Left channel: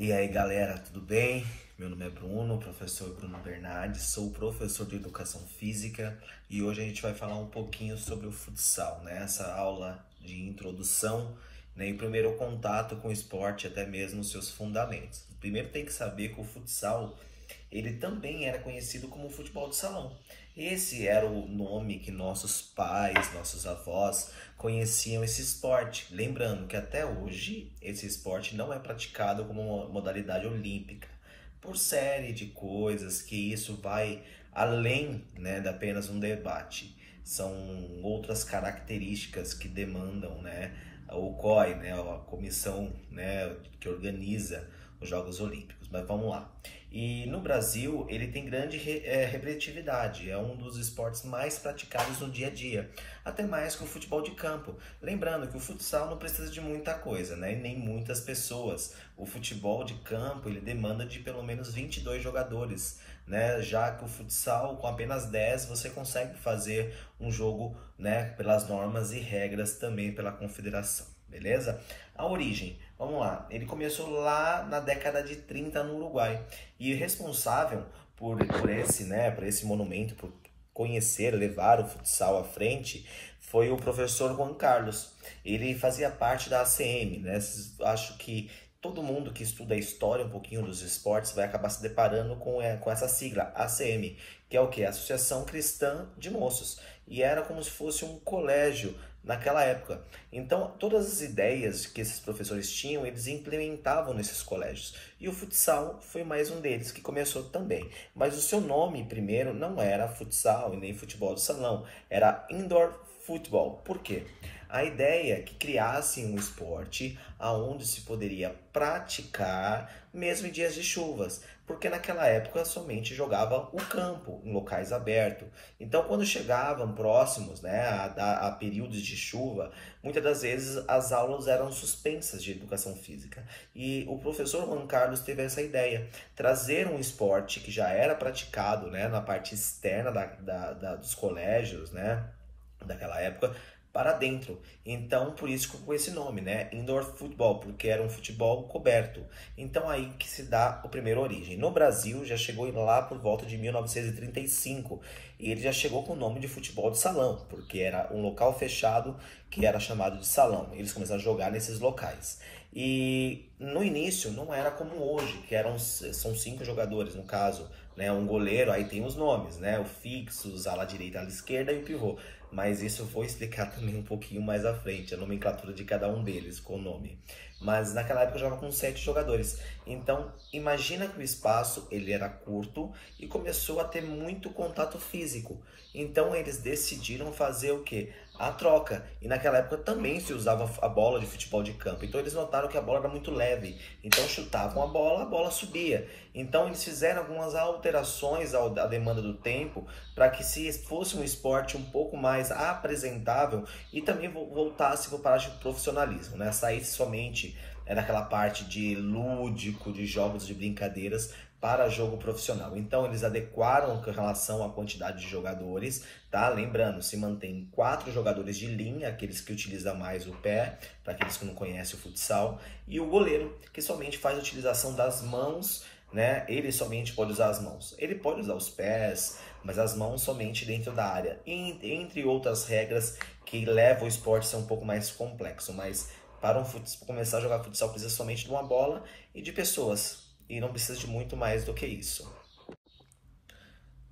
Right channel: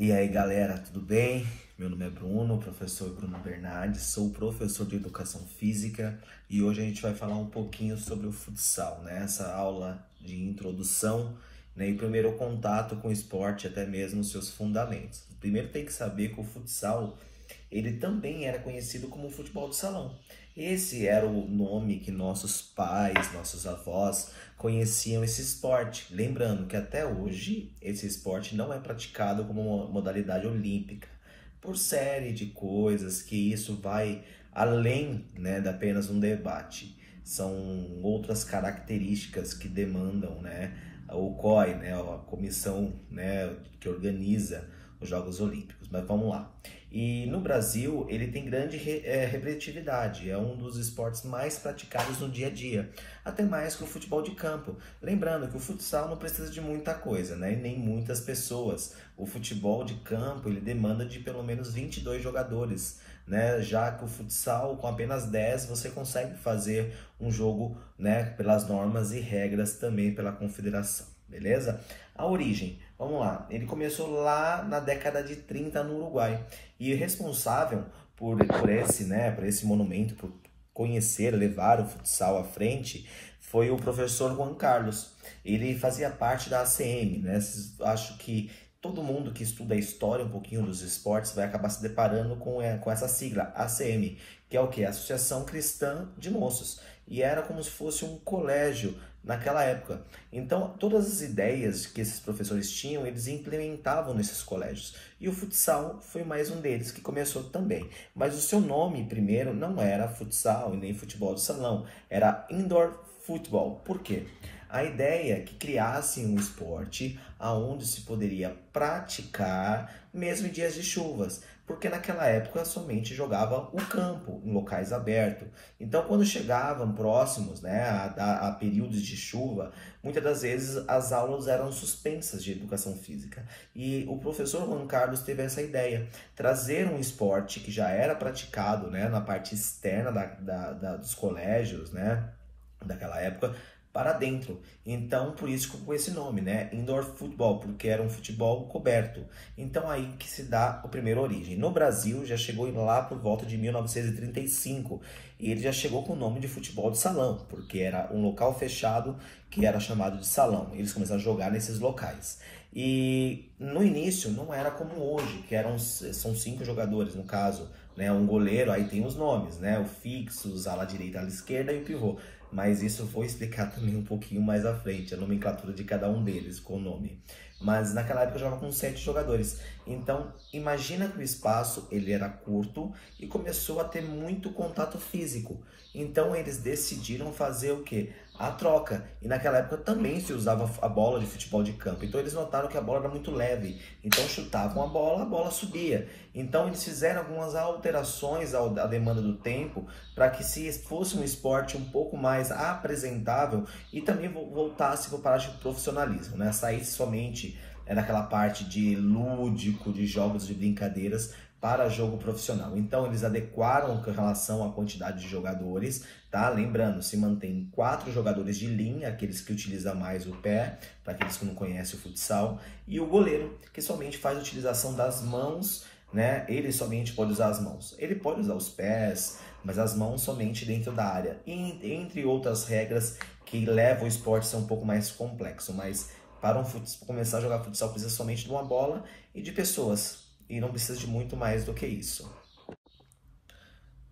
E aí galera, tudo bem? Meu nome é Bruno, professor Bruno Bernardes, sou professor de Educação Física e hoje a gente vai falar um pouquinho sobre o futsal, né? Essa aula de introdução, né? E primeiro contato com o esporte, até mesmo os seus fundamentos. Primeiro tem que saber que o futsal, ele também era conhecido como futebol de salão. Esse era o nome que nossos pais, nossos avós conheciam esse esporte. Lembrando que até hoje esse esporte não é praticado como uma modalidade olímpica, por série de coisas que isso vai além, né, de apenas um debate. São outras características que demandam, né, o COI, né, a comissão, né, que organiza os Jogos Olímpicos. Mas vamos lá. E no Brasil, ele tem grande representatividade, é um dos esportes mais praticados no dia a dia, até mais que o futebol de campo. Lembrando que o futsal não precisa de muita coisa, né? E nem muitas pessoas. O futebol de campo, ele demanda de pelo menos 22 jogadores, né? Já que o futsal, com apenas 10, você consegue fazer um jogo, né, pelas normas e regras também pela confederação, beleza? A origem, vamos lá, ele começou lá na década de 30 no Uruguai e responsável por esse monumento, por conhecer, levar o futsal à frente, foi o professor Juan Carlos. Ele fazia parte da ACM, né? Acho que todo mundo que estuda a história um pouquinho dos esportes vai acabar se deparando com essa sigla, ACM, que é o quê? Associação Cristã de Moços. E era como se fosse um colégio naquela época. Então, todas as ideias que esses professores tinham, eles implementavam nesses colégios. E o futsal foi mais um deles que começou também. Mas o seu nome primeiro não era futsal e nem futebol de salão, era indoor football. Por quê? A ideia é que criassem um esporte aonde se poderia praticar mesmo em dias de chuvas, porque naquela época somente jogava o campo em locais abertos. Então, quando chegavam próximos, né, a períodos de chuva, muitas das vezes as aulas eram suspensas de educação física. E o professor Juan Carlos teve essa ideia, trazer um esporte que já era praticado, né, na parte externa dos colégios, né, daquela época, para dentro. Então, por isso que com esse nome, né? Indoor Football, porque era um futebol coberto. Então, aí que se dá a primeira origem. No Brasil, já chegou lá por volta de 1935. E ele já chegou com o nome de futebol de salão, porque era um local fechado que era chamado de salão. Eles começaram a jogar nesses locais. E no início não era como hoje, que são 5 jogadores no caso, né? Um goleiro, aí tem os nomes, né? O fixo, os ala direita, ala esquerda e o pivô. Mas isso eu vou explicar também um pouquinho mais à frente, a nomenclatura de cada um deles com o nome. Mas naquela época eu jogava com 7 jogadores. Então, imagina que o espaço ele era curto e começou a ter muito contato físico. Então, eles decidiram fazer o quê? A troca. E naquela época também se usava a bola de futebol de campo. Então, eles notaram que a bola era muito leve. Então, chutavam a bola subia. Então, eles fizeram algumas alterações à demanda do tempo para que se fosse um esporte um pouco mais apresentável e também voltasse para a parte do profissionalismo, né? Saísse somente naquela parte de lúdico, de jogos de brincadeiras para jogo profissional. Então, eles adequaram com relação à quantidade de jogadores, tá? Lembrando, se mantém 4 jogadores de linha, aqueles que utilizam mais o pé, para aqueles que não conhecem o futsal, e o goleiro, que somente faz a utilização das mãos, né? Ele somente pode usar as mãos. Ele pode usar os pés, mas as mãos somente dentro da área. E, entre outras regras que levam o esporte a ser um pouco mais complexo. Mas para começar a jogar futsal precisa somente de uma bola e de pessoas. E não precisa de muito mais do que isso.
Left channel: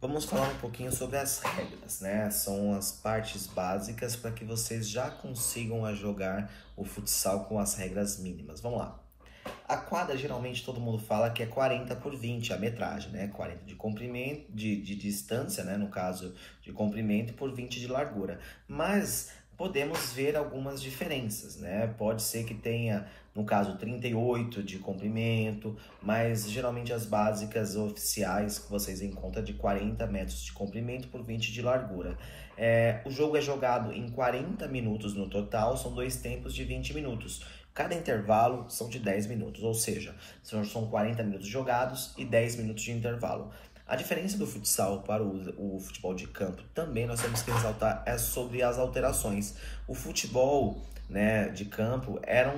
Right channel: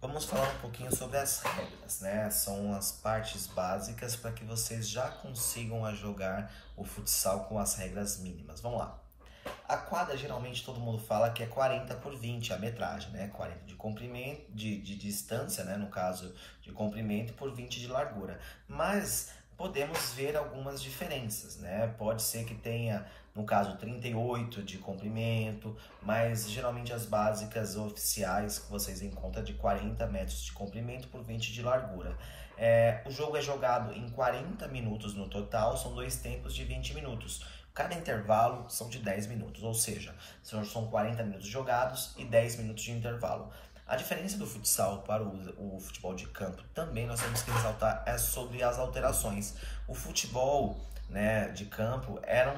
Vamos falar um pouquinho sobre as regras, né? São as partes básicas para que vocês já consigam jogar o futsal com as regras mínimas. Vamos lá. A quadra, geralmente, todo mundo fala que é 40 por 20 a metragem, né? 40 de comprimento, de distância, né? No caso de comprimento, por 20 de largura. Mas podemos ver algumas diferenças, né? Pode ser que tenha, no caso, 38 de comprimento, mas geralmente as básicas oficiais que vocês encontram de 40 metros de comprimento por 20 de largura. O jogo é jogado em 40 minutos no total, são 2 tempos de 20 minutos. Cada intervalo são de 10 minutos, ou seja, são 40 minutos jogados e 10 minutos de intervalo. A diferença do futsal para o futebol de campo também nós temos que ressaltar é sobre as alterações. O futebol, né, de campo era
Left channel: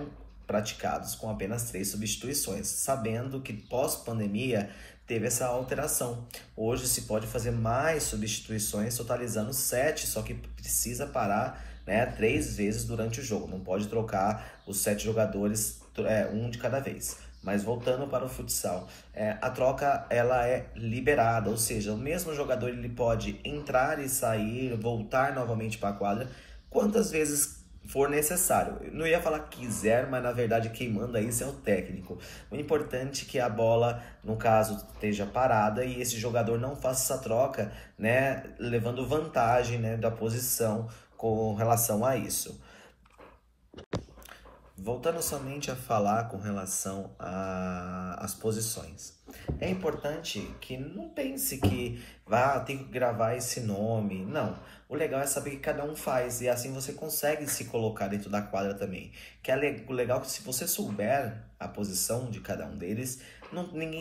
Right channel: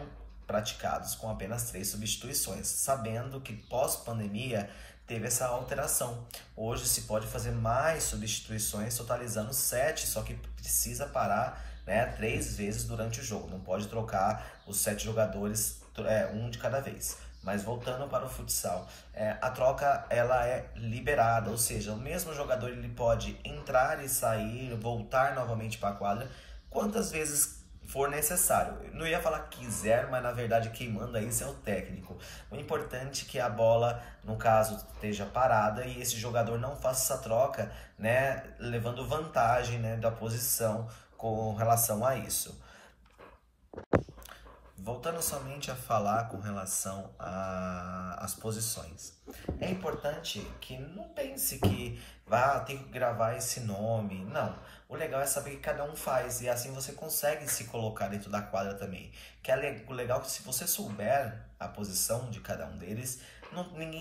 praticados com apenas 3 substituições, sabendo que pós-pandemia teve essa alteração. Hoje se pode fazer mais substituições, totalizando 7, só que precisa parar, né, 3 vezes durante o jogo. Não pode trocar os 7 jogadores, um de cada vez. Mas voltando para o futsal, a troca ela é liberada, ou seja, o mesmo jogador ele pode entrar e sair, voltar novamente para a quadra, quantas vezes for necessário. Eu não ia falar quiser, mas na verdade quem manda isso é o técnico. O importante é que a bola, no caso, esteja parada e esse jogador não faça essa troca, né, levando vantagem, né, da posição com relação a isso. Voltando somente a falar com relação às posições. É importante que não pense que tem que gravar esse nome. Não. O legal é saber que cada um faz e assim você consegue se colocar dentro da quadra também. O legal é que se você souber a posição de cada um deles,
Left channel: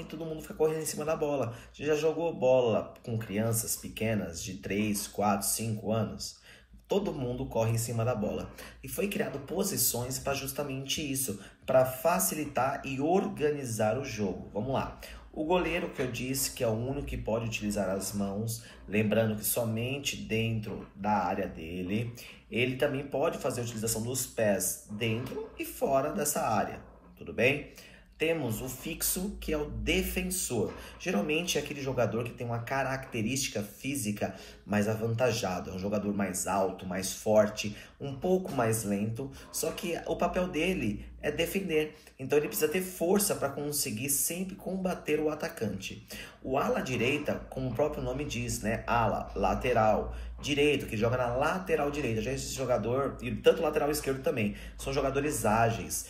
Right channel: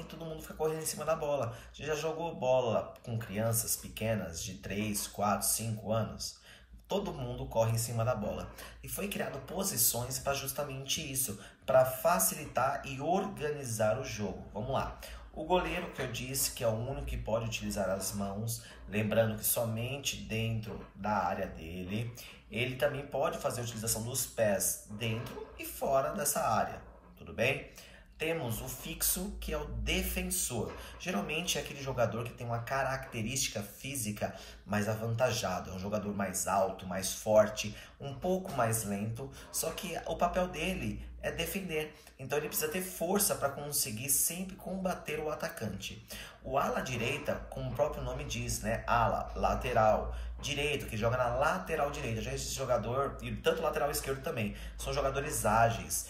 todo mundo fica correndo em cima da bola. Você já jogou bola com crianças pequenas de 3, 4, 5 anos? Todo mundo corre em cima da bola. E foi criado posições para justamente isso, para facilitar e organizar o jogo. Vamos lá. O goleiro, que eu disse que é o único que pode utilizar as mãos, lembrando que somente dentro da área dele. Ele também pode fazer a utilização dos pés dentro e fora dessa área, tudo bem? Temos o fixo, que é o defensor. Geralmente é aquele jogador que tem uma característica física mais avantajada. É um jogador mais alto, mais forte, um pouco mais lento. Só que o papel dele é defender. Então ele precisa ter força para conseguir sempre combater o atacante. O ala direita, como o próprio nome diz, né? Ala, lateral. Direito, que joga na lateral direita. Já esse jogador, e tanto lateral esquerdo também, são jogadores ágeis.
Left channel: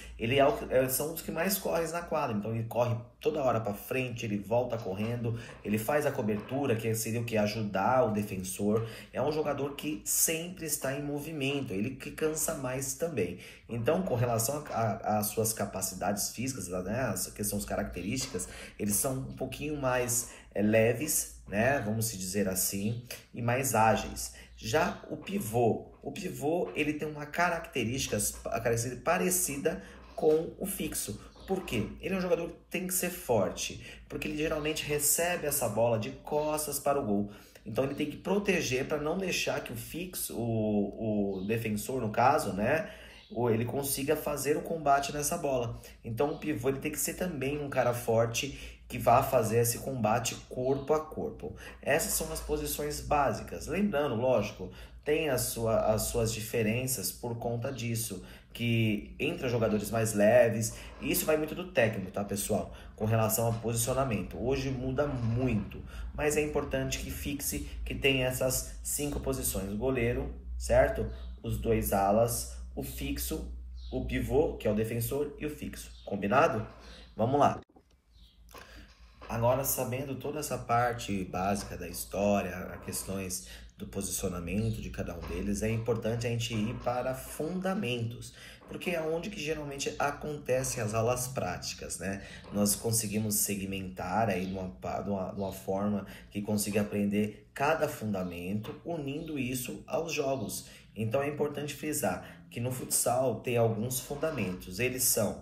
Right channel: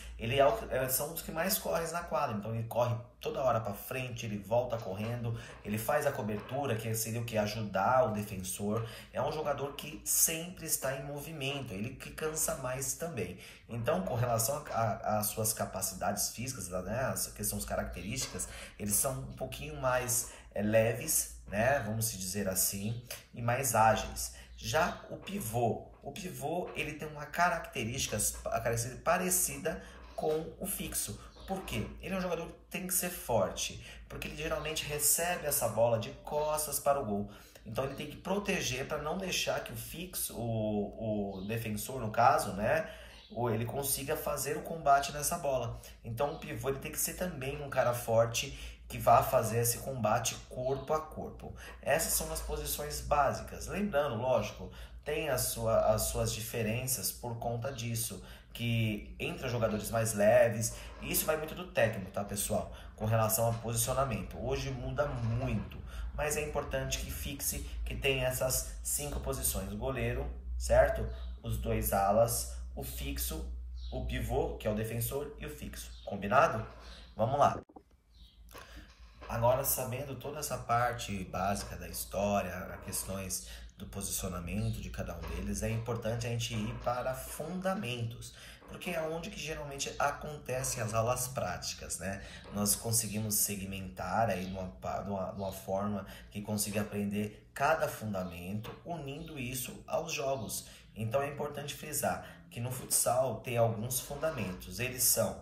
São os que mais correm na quadra, então ele corre toda hora para frente, ele volta correndo, ele faz a cobertura, que seria o que? Ajudar o defensor. É um jogador que sempre está em movimento, ele que cansa mais também. Então, com relação às suas capacidades físicas, né, que são as características, eles são um pouquinho mais leves, né, vamos dizer assim, e mais ágeis. Já o pivô ele tem uma característica parecida com o fixo. Por quê? Ele é um jogador que tem que ser forte, porque ele geralmente recebe essa bola de costas para o gol. Então ele tem que proteger para não deixar que o fixo, o defensor no caso, né, ou ele consiga fazer o combate nessa bola. Então o pivô ele tem que ser também um cara forte que vá fazer esse combate corpo a corpo. Essas são as posições básicas. Lembrando, lógico, tem as suas diferenças por conta disso, que entre os jogadores mais leves, e isso vai muito do técnico, tá, pessoal? Com relação ao posicionamento. Hoje muda muito, mas é importante que fixe que tem essas 5 posições. O goleiro, certo? Os 2 alas, o fixo, o pivô, que é o defensor, e o fixo. Combinado? Vamos lá. Agora, sabendo toda essa parte básica da história, as questões do posicionamento de cada um deles, é importante a gente ir para fundamentos, porque é onde que geralmente acontecem as aulas práticas, né? Nós conseguimos segmentar aí de uma forma que consiga aprender cada fundamento, unindo isso aos jogos. Então é importante frisar que no futsal tem alguns fundamentos, eles são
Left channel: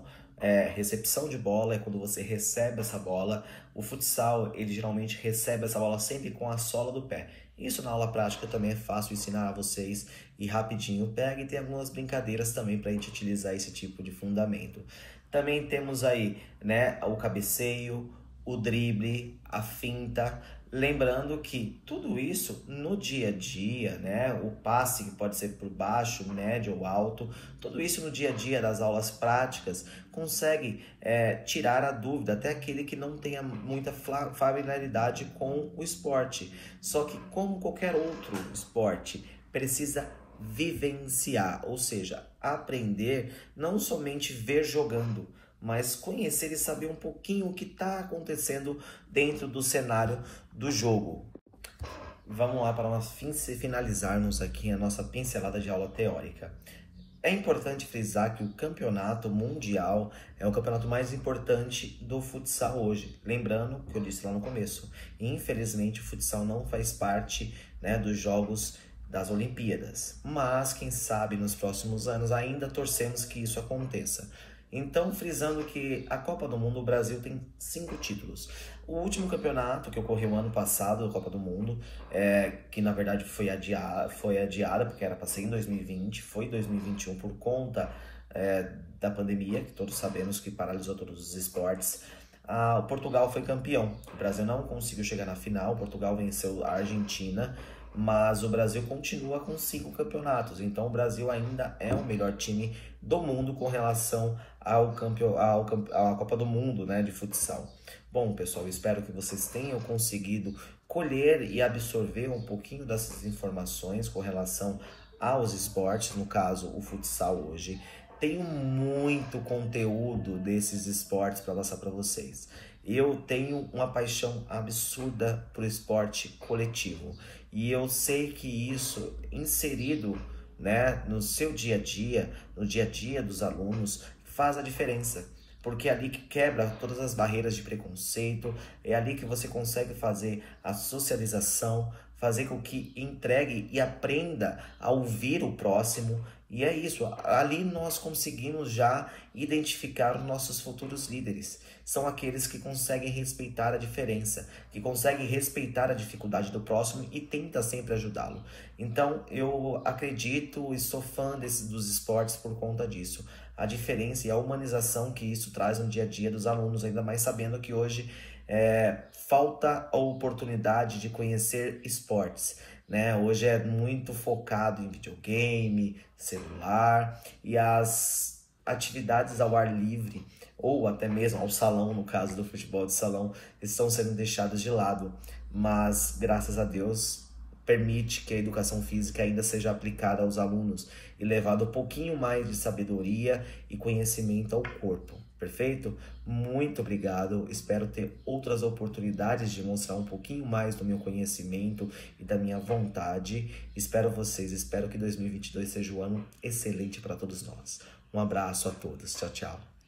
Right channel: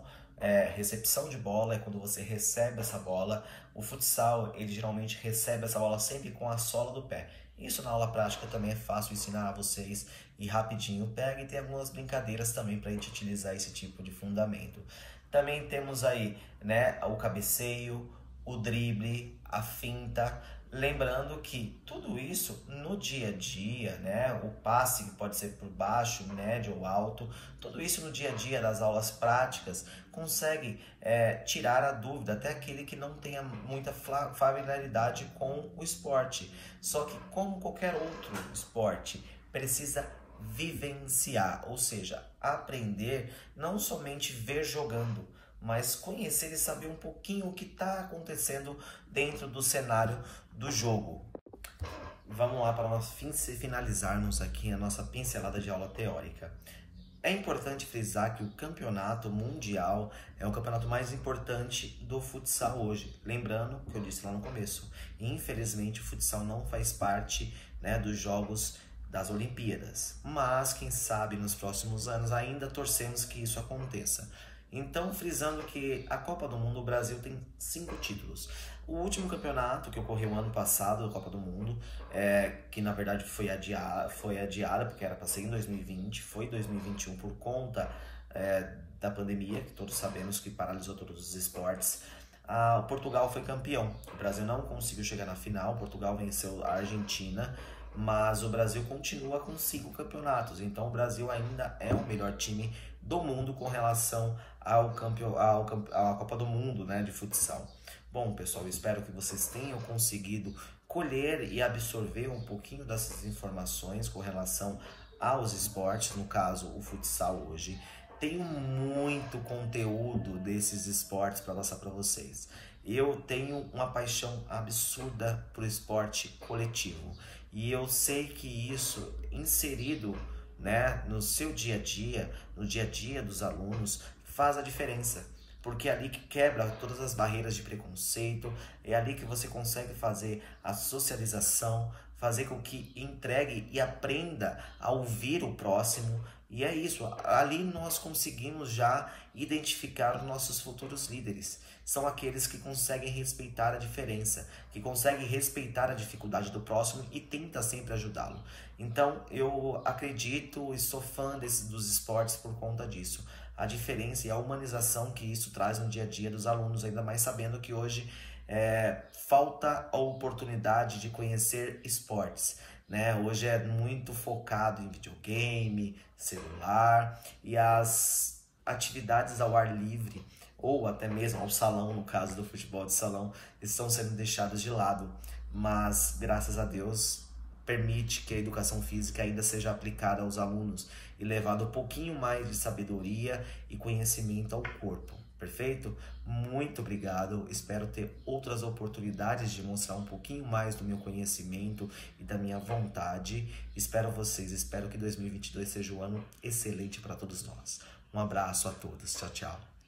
recepção de bola, é quando você recebe essa bola. O futsal, ele geralmente recebe essa bola sempre com a sola do pé. Isso na aula prática também é fácil ensinar a vocês e rapidinho pega, e tem algumas brincadeiras também para a gente utilizar esse tipo de fundamento. Também temos aí, né, o cabeceio, o drible, a finta. Lembrando que tudo isso no dia a dia, né, o passe que pode ser por baixo, médio ou alto, tudo isso no dia a dia das aulas práticas consegue tirar a dúvida, até aquele que não tenha muita familiaridade com o esporte. Só que como qualquer outro esporte, precisa vivenciar, ou seja, aprender, não somente ver jogando, mas conhecer e saber um pouquinho o que está acontecendo dentro do cenário do jogo. Vamos lá para nós finalizarmos aqui a nossa pincelada de aula teórica. É importante frisar que o campeonato mundial é o campeonato mais importante do futsal hoje. Lembrando que eu disse lá no começo, infelizmente o futsal não faz parte, né, dos jogos das Olimpíadas. Mas quem sabe nos próximos anos ainda torcemos que isso aconteça. Então, frisando que a Copa do Mundo, o Brasil tem 5 títulos. O último campeonato que ocorreu ano passado, da Copa do Mundo, que na verdade foi adiada porque era para ser em 2020, foi 2021 por conta da pandemia, que todos sabemos que paralisou todos os esportes. O Portugal foi campeão. O Brasil não conseguiu chegar na final, Portugal venceu a Argentina, mas o Brasil continua com 5 campeonatos. Então o Brasil ainda é o melhor time do mundo com relação à Copa do Mundo, né, de futsal. Bom, pessoal, espero que vocês tenham conseguido colher e absorver um pouquinho dessas informações com relação aos esportes, no caso o futsal hoje. Tem muito conteúdo desses esportes para passar para vocês. Eu tenho uma paixão absurda por esporte coletivo e eu sei que isso inserido, né, no seu dia a dia, no dia a dia dos alunos, faz a diferença. Porque é ali que quebra todas as barreiras de preconceito, é ali que você consegue fazer a socialização, fazer com que entregue e aprenda a ouvir o próximo. E é isso, ali nós conseguimos já identificar os nossos futuros líderes. São aqueles que conseguem respeitar a diferença, que conseguem respeitar a dificuldade do próximo e tenta sempre ajudá-lo. Então, eu acredito e sou fã dos esportes por conta disso. A diferença e a humanização que isso traz no dia a dia dos alunos, ainda mais sabendo que hoje falta a oportunidade de conhecer esportes, né? Hoje é muito focado em videogame, celular e as atividades ao ar livre, ou até mesmo ao salão, no caso do futebol de salão, estão sendo deixadas de lado, mas graças a Deus permite que a educação física ainda seja aplicada aos alunos e levado um pouquinho mais de sabedoria e conhecimento ao corpo, perfeito? Muito obrigado, espero ter outras oportunidades de mostrar um pouquinho mais do meu conhecimento e da minha vontade. Espero que 2022 seja um ano excelente para todos nós. Um abraço a todos, tchau, tchau.